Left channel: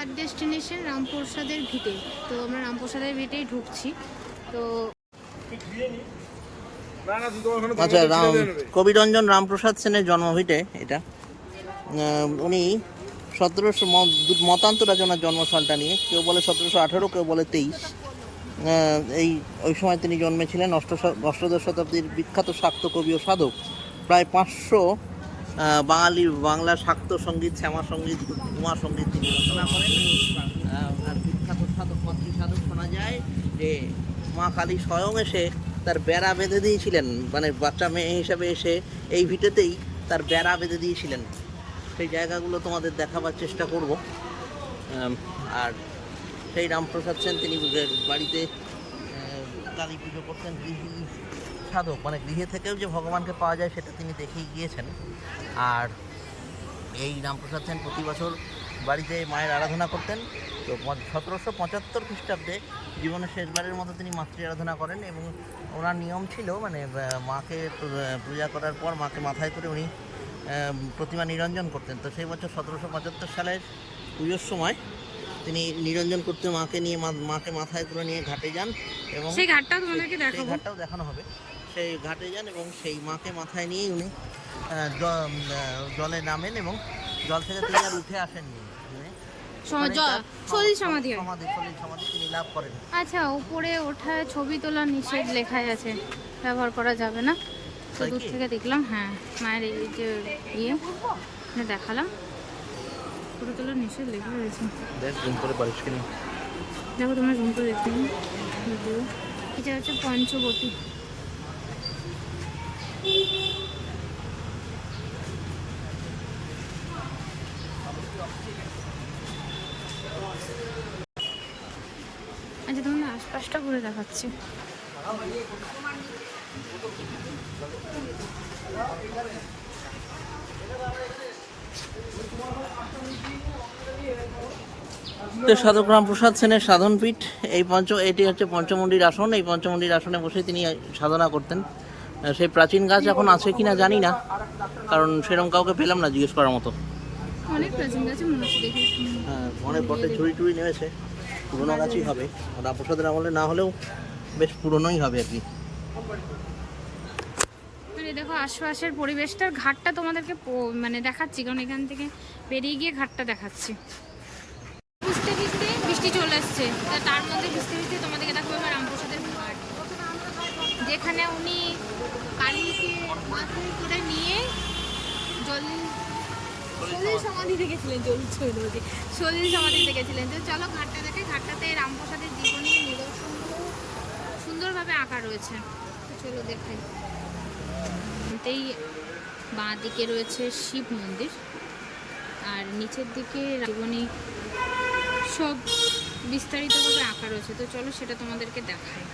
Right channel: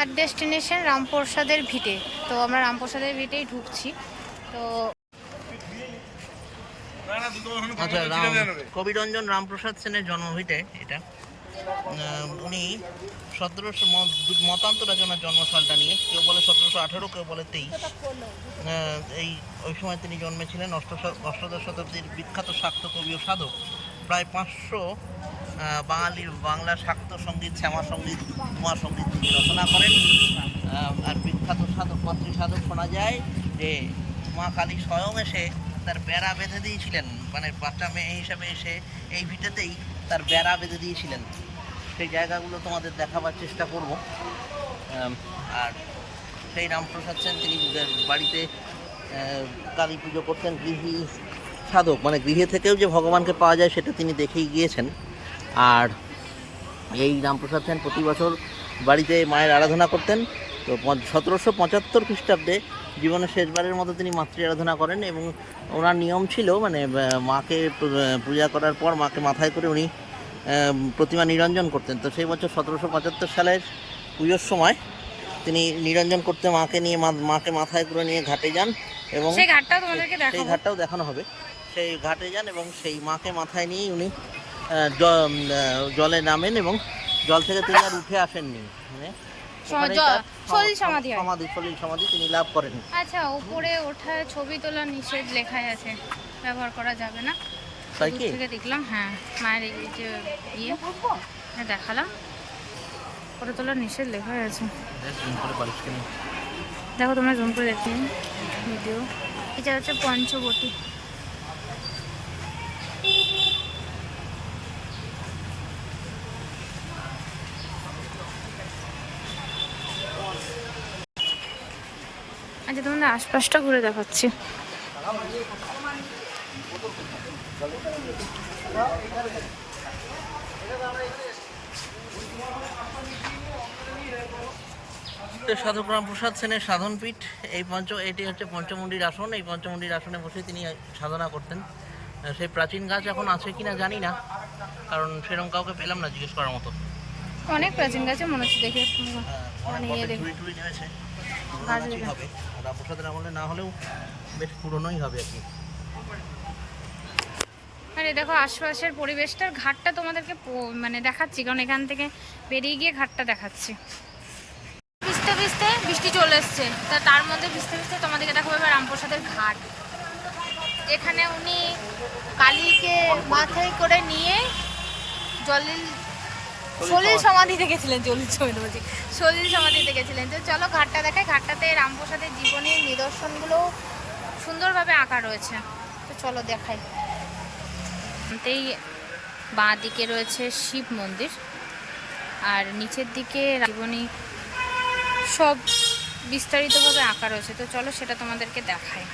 আর destination রামপ্রসাদের ভিটে। তো আমরা রামপ্রসাদের ভিটেই ঢুকছি। তো আচ্ছা, কবিরঞ্জন রামপ্রসাদ সেনের জন্মভিটে এটা। উনি 1700 মতান্তর আছে ওনার জন্মসালটা নিয়ে। কেউ বলে 1718, কেউ বলে 23। ওই সময় তিনি জন্মেছিলেন। অষ্টাদশ শতাব্দীর বিখ্যাত শাক্ত কবি ও সাধক। প্রায় 500 বাংলা শাক্ত সঙ্গীত, শ্যামা সঙ্গীত, উমা সঙ্গীত তিনি রচনা করেন। আর বিখ্যাত সাধক, মাতৃ সাধক শোনা যায় যে মা কালী স্বয়ং এসে তার বেড়া বেঁধে দিয়েছিলেন, মানে বাচ্চা মেয়ে হিসাবে এসে এই ভিটেতেই তার বেড়া বেঁধে দিয়েছিলেন। সেই জায়গাগুলো তোমাদের দেখাবার চেষ্টা করব। আর সেই রামপ্রসাদ সেন তিনি বাড়িতে কালী পুজো করতেন। গৃহী সাধক, মানে গৃহে থেকেও যে ভগবানকে পাওয়া যায় সেটা তিনি দেখেই গিয়েছেন। আর এই রামপ্রসাদ সেন প্রতি বছর বাড়িতে মায়ের আরাধনা করতেন। তো 1775 খ্রিস্টাব্দে জীবনের শেষবারের মতো তিনি মাতৃ আরাধনা করেন। এবং ওনার নিয়ম ছিল, মানে মাকে পূজা করার পর মাকে মাথায় করে উনি প্রতিমা নিরঞ্জন করতেন। তো সেই বছর 1775 সালের পুজোর সময় তিনি নিরঞ্জন করতে মাকে মাথায় করে নিয়ে ঘাটে যান। এবং সেই ঘাটটাও দেখানো হবে। সেই ঘাটে যান এবং সেই মাকে মাথায় নিয়ে উনি জলে নামেন এবং জল থেকে তিনি আর উঠে আসেননি। সলিল সমাধি তিনি লাভ করেন। আচ্ছা, উপরে ওঠা ছবি তোলা নিষেধ লেখাই আছে, ব্যবহার করা যাবে না। দূর থেকে দেখলাম, হ্যাঁ, মায়ের এই যে দেখালাম, ফটো তোলার নিষেধ লেখা আছে। দেখো, তোমরা জুম করে দেখতে ভিডিও। এটা হচ্ছে পঞ্চবটী। আচ্ছা, তোমাদের আশপাশটা ঘুরে দেখাচ্ছি। সাধক রামপ্রসাদ সেনের সাধনপীঠ এটি হচ্ছে পঞ্চমুণ্ডির আসন। এই পঞ্চমুণ্ডির আসনে বসে তিনি সাধনা করতেন। সেই প্রাচীন গাছ এখন আছে কিনা জানি না, কারণ সেরকম কাউকে পেলাম না জিজ্ঞেস করার মতো। অনেক প্রাচীন গাছে মনে হচ্ছে, দেখে হবে। রামপ্রসাদের আমলে না হলেও বেশ পুরনোই হবে আর কি। আরে দেখো আশপাশের পরিবেশটার, ঘাটটা তোমাদেরকে মানে দেখাচ্ছি, কারণ এখান থেকে বেরিয়ে গিয়ে ঘাটটা দেখাচ্ছি। ভিজতে ভিজতে বৃষ্টি চলে এসছে, তার মধ্যে ভিজতে ভিজতে তোমাদেরকে দেখাবো এবার রামপ্রসাদের ঘাট, যেখানে উনি কালীকে মাথায় করে নিয়ে সলিল সমাধিতে গেছিলেন। সলিল সমাধিতে গেছিলেন। তো চলো ঘাটটা দেখাই। ঘাটটাতে রামপ্রসাদের জীবনের নিদর্শনগুলো সুন্দরভাবে আঁকা রয়েছে। তো চলো দেখাই। বাঁ দিকে রয়েছে শিব মন্দির, আর নিচের দিকে জীবনী সব বিস্তারিতভাবে আঁকা রয়েছে। তো চলো সেটা তোমাদেরকে দেখাই।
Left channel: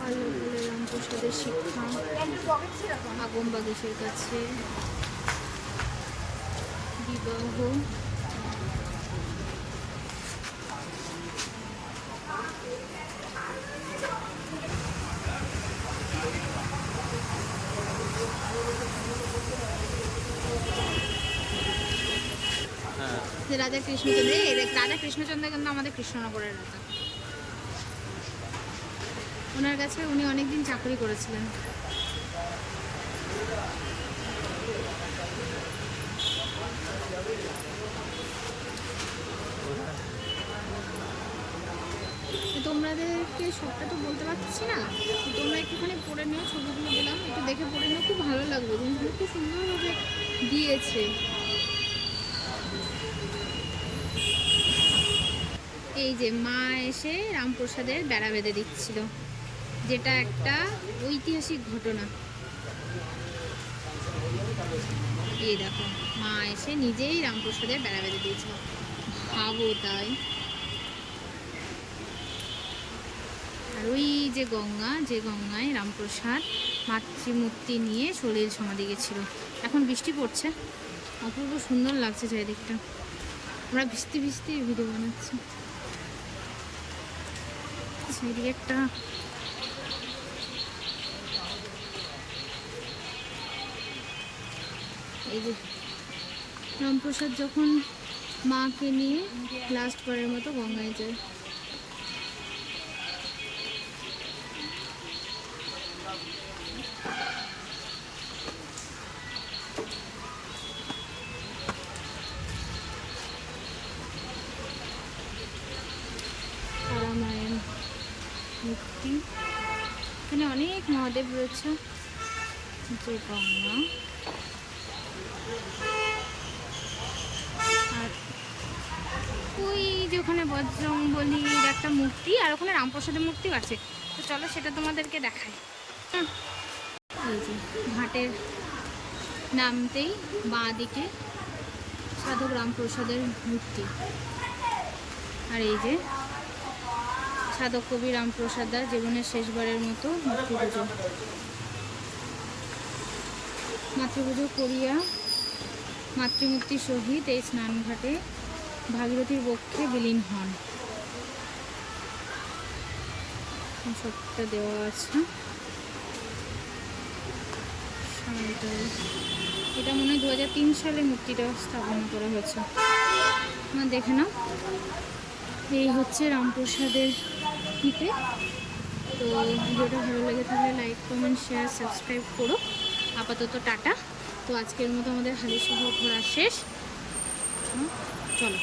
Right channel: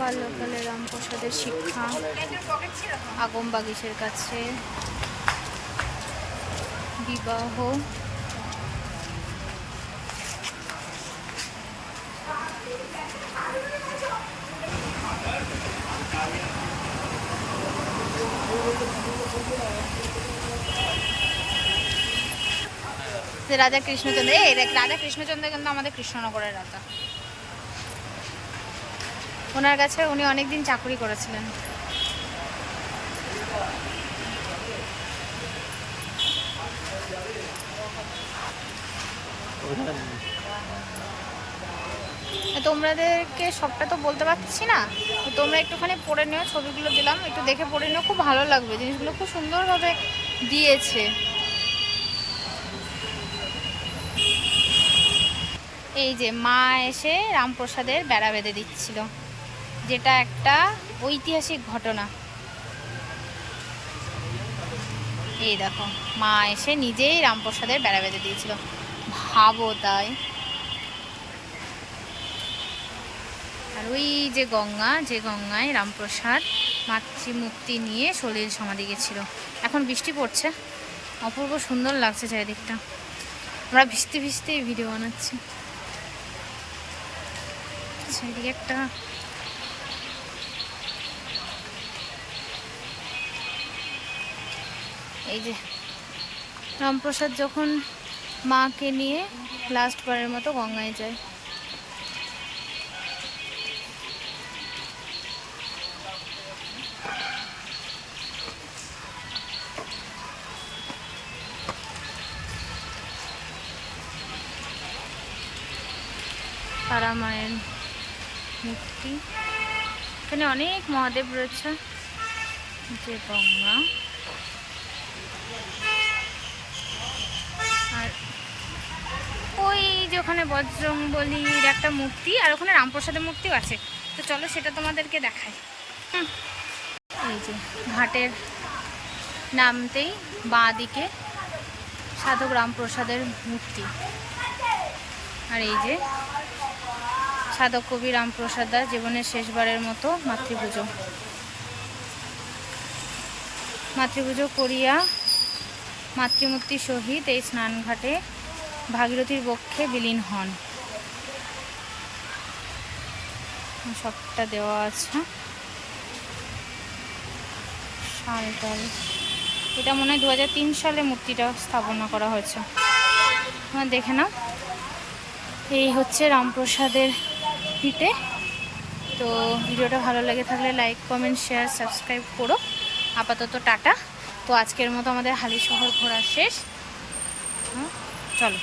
বাল্যকালে রামপ্রসাদের শিক্ষা, আগম বাগিচের কাছে বিবাহ, রাজা কৃষ্ণচন্দ্র। রাজা কৃষ্ণচন্দ্র কিন্তু আমাদের কৃষ্ণনগরের রাজা। ওনার কাছে উনি অনেকদিন চাকরি করেছিলেন। তোমাদেরকে সবটা তো বলতে পারছি না, তোমরা একটুখানি পড়ে নিও। ছবিগুলো দিলাম, একটু দেখে পড়ে নিও, খুব ভালো লাগবে। জিনিসগুলো খুব সুন্দরভাবে দিয়েছে। এই যে মা এসে রামপ্রসাদের বেড়া বেঁধে দিচ্ছিল, যেটা একটা ঐতিহাসিক ঘটনা। এই দেখো, মা এসে নিজেই রামপ্রসাদের বেড়া বেঁধে দিয়েছিল, ভাবো। তাই আর ওই যে গঙ্গা, যে গঙ্গায় রামপ্রসাদ মাতৃমূর্তি নিয়ে সলিল সমাধি গেছিল। এখন বৃষ্টি পড়ছে, অপূর্ব সুন্দর লাগছে চারিদিকটা। আমরা ভিজতে ভিজতেই ভিডিও বানাচ্ছি। সেইদিকে একটা এই যে রামপ্রসাদ যখন মাকে নিয়ে লাস্টবারের মতো গঙ্গায় যায়। তারা মায়ের মূর্তি, এখানে অনেক মহাদেব রয়েছে। যে গঙ্গা, আর ওই যে ওখানে বজরংবলীর একটা মূর্তি, আর ওখানে রামপ্রসাদের মূর্তিও আছে। তো চলো সেটা তোমাদেরকে দেখাই। এই যে ঘাটের নামতেই বাঁ দিকে সাধক রামপ্রসাদের মূর্তি, আর এই যে সাধক কবি রামপ্রসাদ দাস জীবনের শেষবারের মতো মাতৃপুজো করিয়া মাতৃমূর্তির সহিত এই স্নানঘাটে ভাগীরথীর বক্ষে বিলীন হন। সবটা দেওয়া আছে, সালটাল। এটা মনে হয় 2003 সালে মূর্তিটা স্থাপনা করা হয়েছে। দেখে নাও, এই হচ্ছে রামপ্রসাদের ভিটে। তো ভিডিওটা ভালো লেগে থাকলে লাইক, কমেন্ট, শেয়ার, সাবস্ক্রাইব করো। আপাতত টাটা। তো আজকের মতো আমাদের হালিশহর ঘোরা শেষ। চলো।